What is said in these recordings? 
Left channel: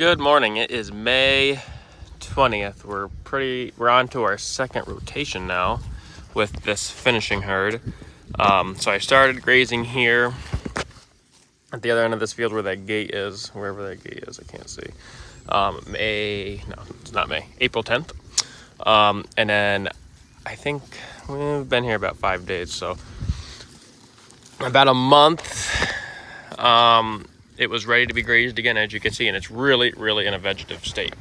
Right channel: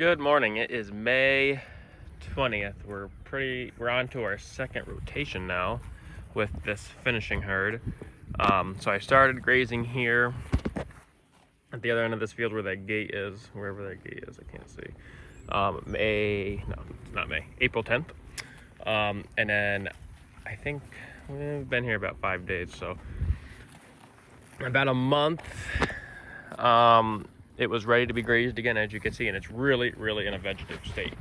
Good morning. It is May 20th. We're on to our second rotation now with this finishing herd. So I started grazing here at the other end of this field where that gate is, wherever that gate is, I can't see. It's not May, April 10th. And then I think we've been here about 5 days, so about a month. It was ready to be grazed again, as you can see, and it's really, really in a vegetative state.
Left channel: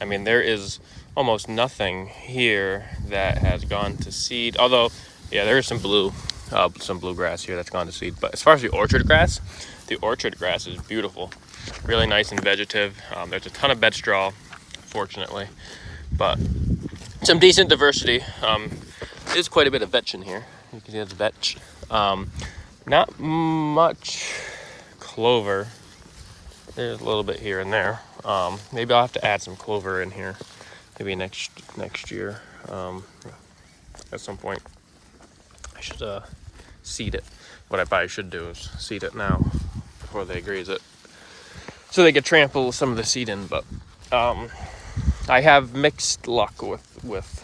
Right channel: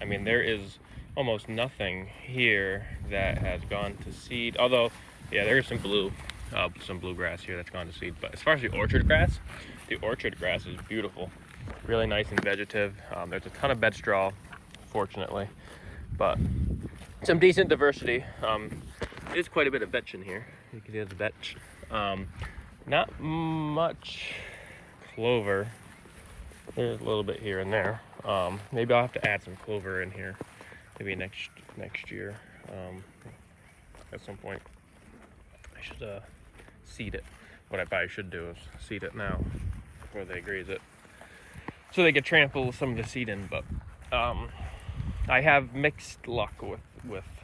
I mean, there is almost nothing here that has gone to seed. Although, yeah, there is some bluegrass here that's gone to seed. But as far as the orchard grass is beautiful, really nice and vegetative. There's a ton of bed straw, fortunately, but some decent diversity. There's quite a bit of vetch in here. You can see that's vetch. Not much clover. There's a little bit here and there. Maybe I'll have to add some clover in here, maybe next year. At some point, I should seed it. What I probably should do is seed it now before they graze it, so they could trample some of the seed in. But I have mixed luck with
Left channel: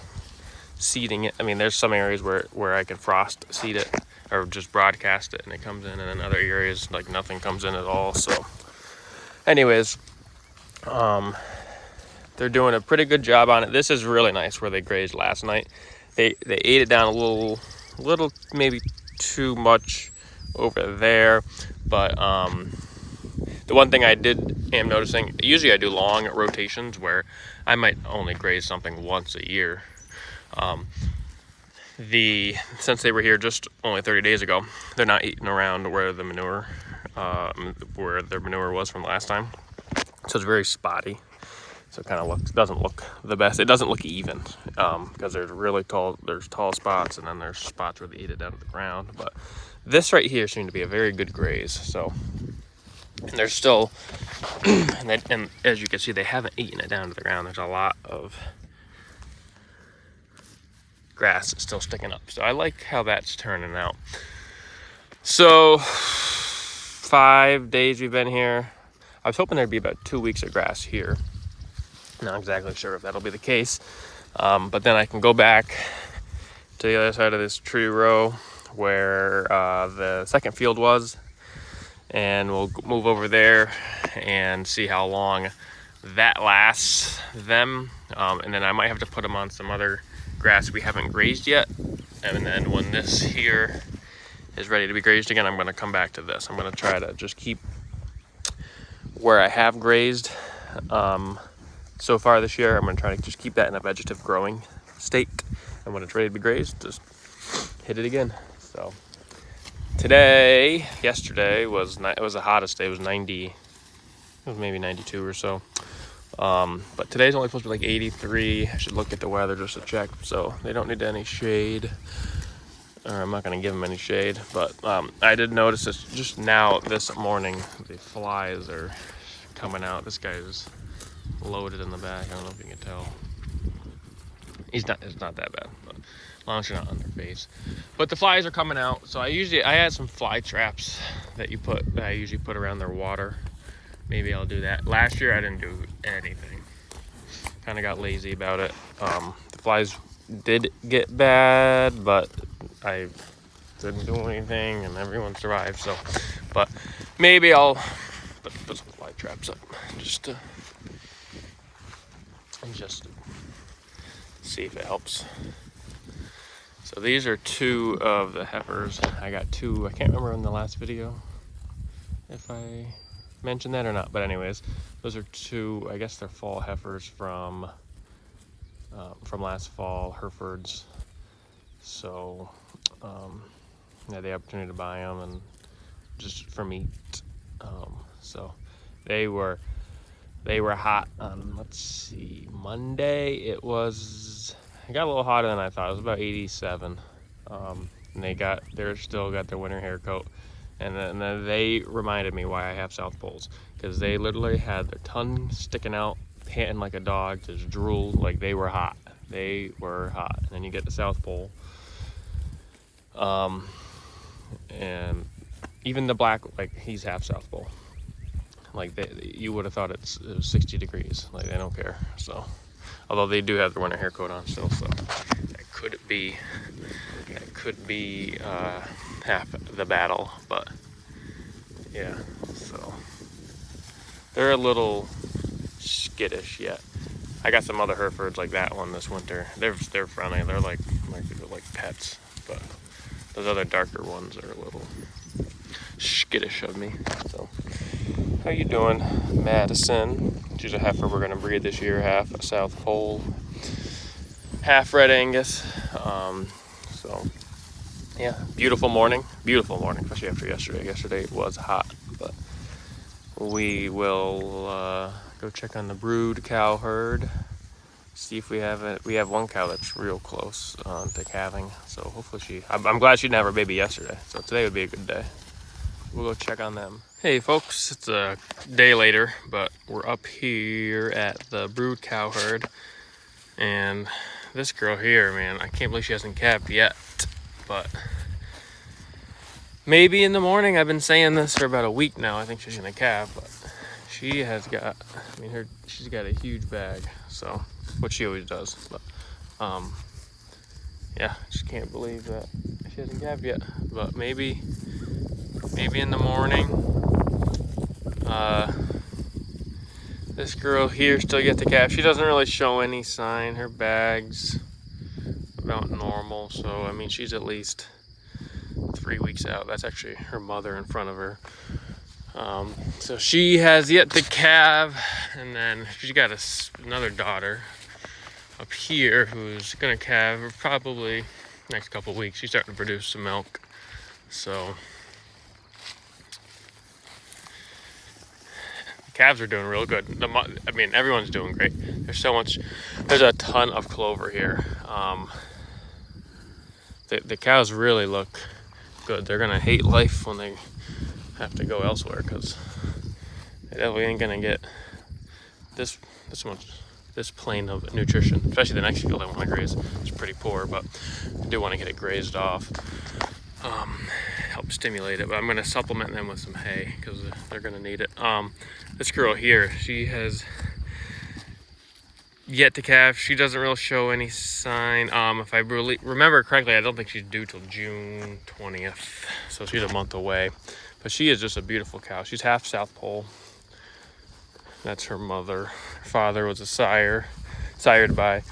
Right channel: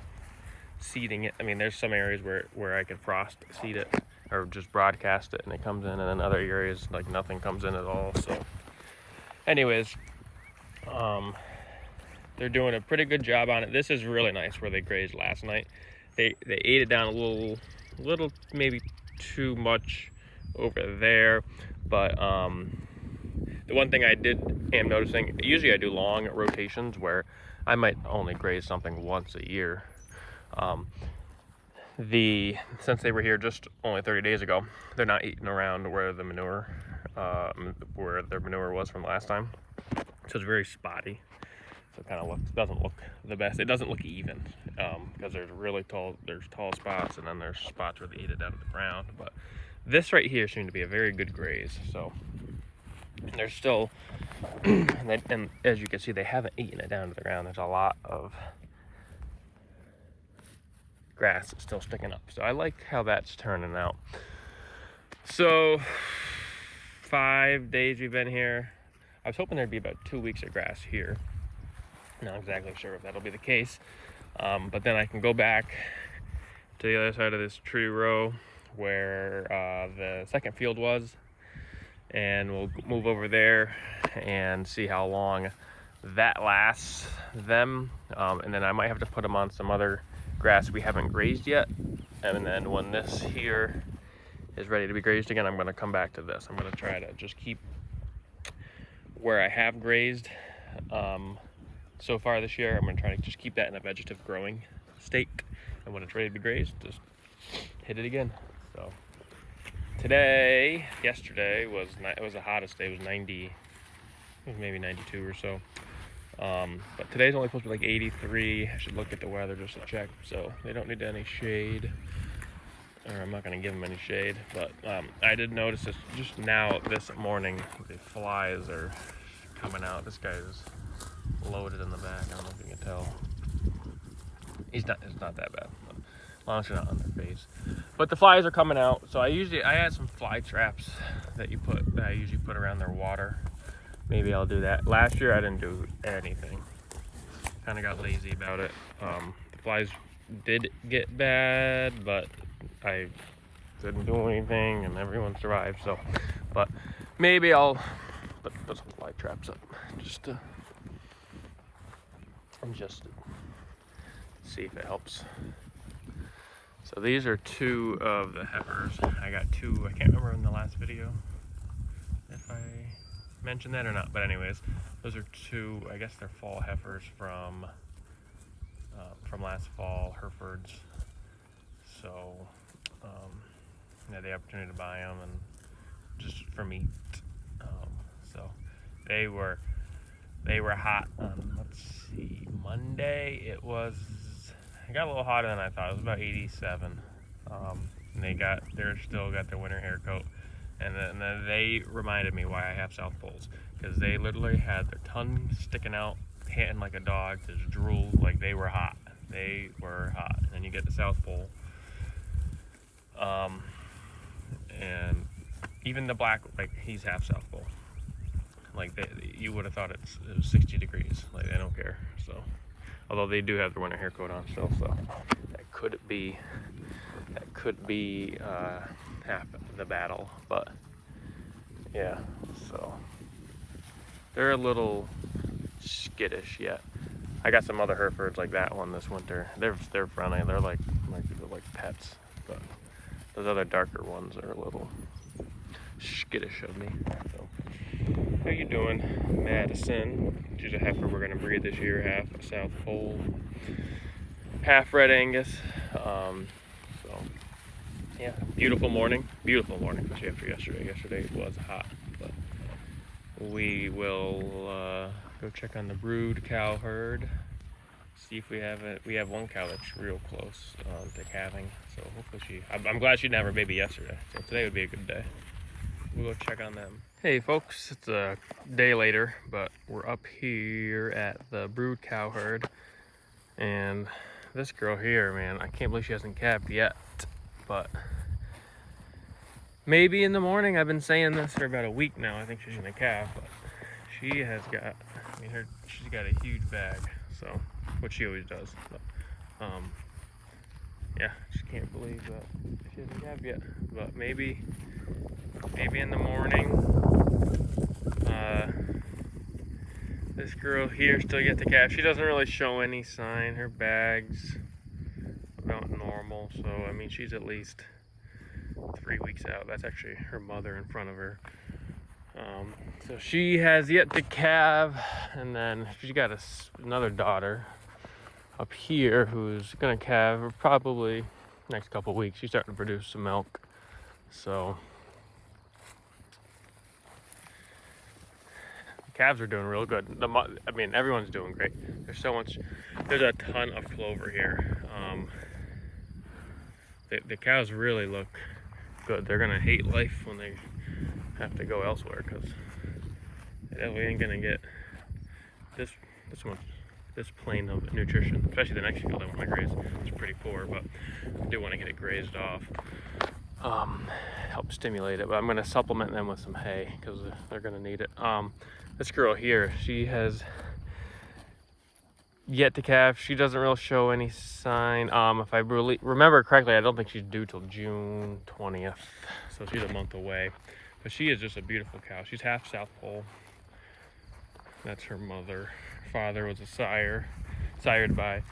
seeding it. I mean, there's some areas where I can frost seed it or just broadcast it and it comes in, and then other areas like nothing comes in at all. So anyways, they're doing a pretty good job on it. This is really nice where they grazed last night. They ate it down a little maybe too much over there, but the one thing I am noticing, usually I do long rotations where I might only graze something once a year. Since they were here just only 30 days ago, they're not eating around where their manure was from last time. So it's very spotty. So it kind of doesn't look the best. It doesn't look even, because there's tall spots, and then there's spots where they eat it down to the ground. But this right here seemed to be a very good graze. So, and there's still, and as you can see, they haven't eaten it down to the ground. There's a lot of grass still sticking up. So I like how that's turning out. So 5 days we've been here. I was hoping there'd be about 2 weeks of grass here. Not exactly sure if that'll be the case. But then I can go back to the other side of this tree row where the second field was, and we'll move over there and see how long that lasts them. And then I might have to put them on some other grass we haven't grazed yet. And then when this here is ready to be grazed again, I'm going to come back to this. I'm going to try to just keep where I have grazed so far this year. I'm going to try to just keep that in a vegetative growing state, and when it's ready to be grazed, just hit it again. So yesterday was the hottest day. It was 90, it was maybe 92 or so. But today's only supposed to be like 83. I should look at the weather just to check. So they don't need any shade, or I'm not going to give them any shade. But I did notice this just now this morning. The flies are coming out. This guy's loaded in the back. I don't know if you can tell. It's not that bad, but as long as you're not on their face. But the flies are coming out. So I had some fly traps that I usually put around their water. Maybe I'll do that. Last year I didn't do anything. Kind of got lazy about it. The flies did get bad, but I didn't do anything, and everyone survived. So, but maybe I'll put some fly traps up just to see if it helps. So these are two of the heifers. I got two. I can't remember in the last video if I mentioned that or not, but anyways, those are two, I guess they're fall heifers from last fall, Herefords. So I had the opportunity to buy them and just for meat. So they were hot on, let's see, Monday. It got a little hotter than I thought. It was about 87. And they still got their winter hair coat. And then they reminded me why I have South Poles, because they literally had their tongue sticking out, panting like a dog, just drool, like they were hot. They were hot. And then you get the South Pole. And even the black, like he's half South Pole. Like you would have thought it was 60 degrees. Like they don't care. So, although they do have their winter hair coat on still, so that could be half the battle. But yeah, so they're a little skittish yet. I got some other Herefords like that one this winter. They're friendly. They're like pets, but those other darker ones are a little skittish of me. So, how you doing, Madison? She's a heifer we're gonna breed this year, half a South Pole, half Red Angus. So yeah, beautiful morning, especially after yesterday. Yesterday it was hot, but we will go check on the brood cow herd. See if we have it. We have one cow that's real close to calving, so hopefully I'm glad she didn't have her baby yesterday, so today would be a good day. We'll go check on them. Hey folks, it's a day later, but we're up here at the brood cow herd, and this girl here, man, I can't believe she hasn't calved yet, but maybe in the morning. I've been saying this for about a week now. I think she's gonna calve, but she has got, she's got a huge bag, so, which she always does, but yeah, just can't believe that she hasn't calved yet, but maybe in the morning. This girl here still yet to calve. She doesn't really show any sign. Her bag's about normal, so I mean she's at least 3 weeks out. That's actually her mother in front of her. So she has yet to calve, and then she's got another daughter up here who's gonna calve probably next couple weeks. She's starting to produce some milk, so the calves are doing real good. Everyone's doing great. There's a ton of clover here. The cows really look good. They're gonna hate life when they have to go elsewhere, because they definitely ain't gonna get this plane of nutrition. Especially the next field I want to graze. It's pretty poor, but I do want to get it grazed off. Help stimulate it, but I'm gonna supplement them with some hay because they're gonna need it. This girl here, she has yet to calve. She doesn't really show any sign. If I really remember correctly, I don't think she's due till June 20th, so she's a month away. But she is just a beautiful cow. She's half South Pole. That's her mother. Her father was a sired by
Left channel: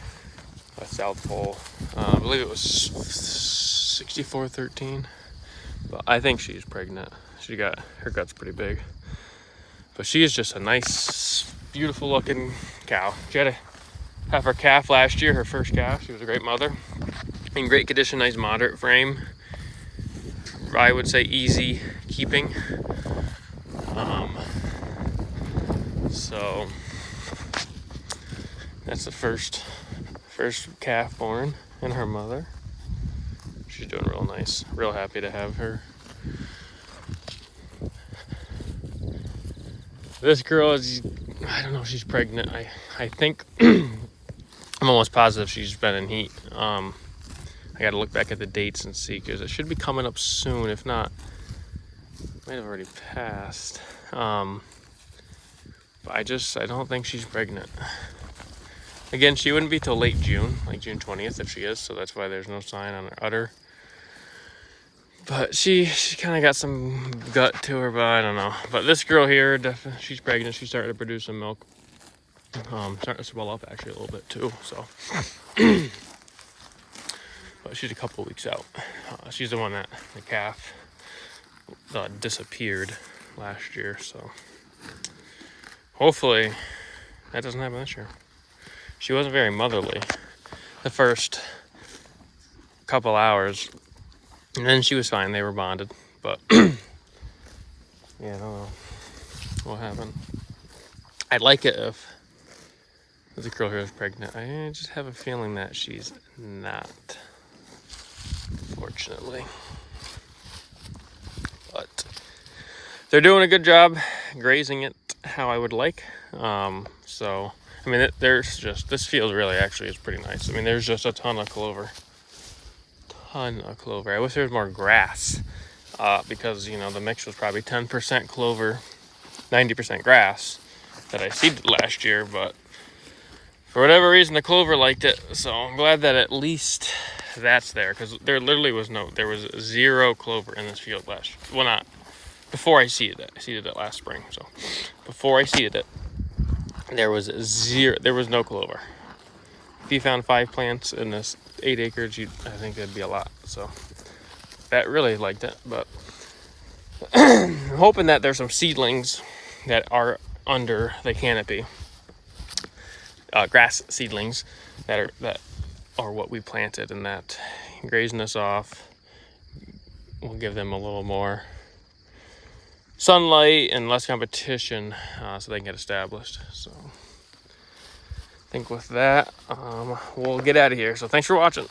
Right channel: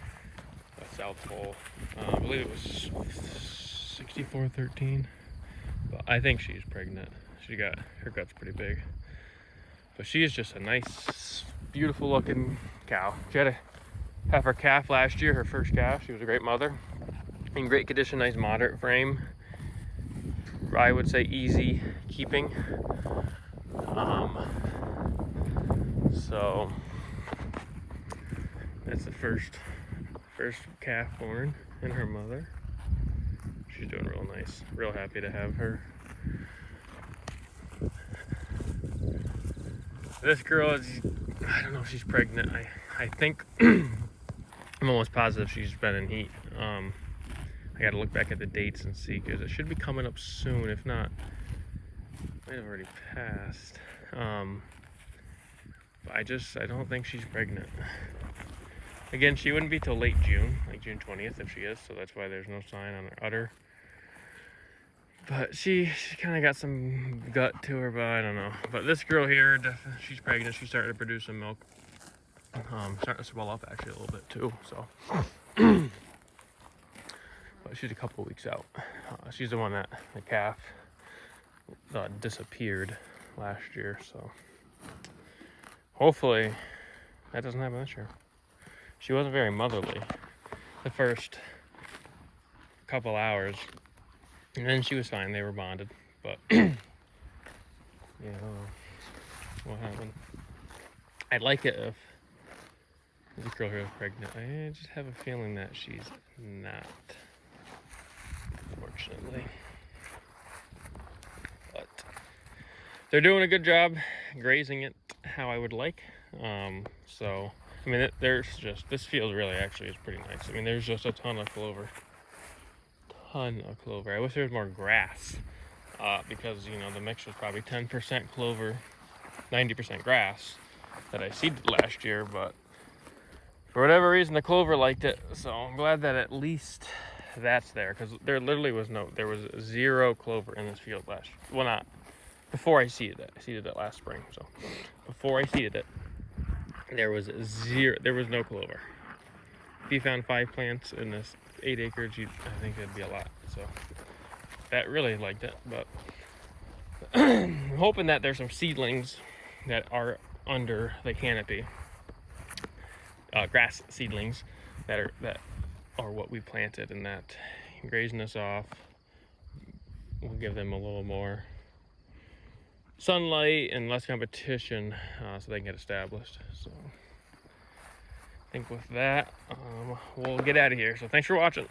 a South Pole. I believe it was 6413. But I think she's pregnant. Her gut's pretty big. But she is just a nice, beautiful looking cow. She had to have her calf last year, her first calf. She was a great mother. In great condition, nice moderate frame. I would say easy keeping. So that's the first calf born, and her mother. She's doing real nice. Real happy to have her. This girl is, I don't know if she's pregnant. I think, I'm almost positive she's been in heat. I gotta look back at the dates and see, because it should be coming up soon. If not, it might have already passed. But I don't think she's pregnant. Again, she wouldn't be till late June, like June 20th if she is, so that's why there's no sign on her udder. But she kind of got some gut to her, but I don't know. But this girl here, definitely, she's pregnant. She's starting to produce some milk. Starting to swell up actually a little bit too, so. But she's a couple weeks out. She's the one that the calf disappeared last year, so hopefully that doesn't happen this year. She wasn't very motherly the first couple hours, and then she was fine. They were bonded, but yeah, I don't know what happened. I'd like it if the girl here is pregnant. I just have a feeling that she's not, fortunately. But they're doing a good job grazing it how I would like. So, I mean, this field really actually is pretty nice. I mean, there's just a ton of clover. I wish there was more grass, because, the mix was probably 10% clover 90% grass that I seeded last year, but for whatever reason the clover liked it. So I'm glad that at least that's there, because there was zero clover in this field last year. Well, not before I seeded it. I seeded it last spring. So before I seeded it, there was no clover. If you found 5 plants in this 8 acres, I think that'd be a lot. So that really liked it, but I'm hoping that there's some seedlings that are under the canopy, grass seedlings that are what we planted, and that grazing this off will give them a little more sunlight and less competition, so they can get established. So I think with that, we'll get out of here. So thanks for watching.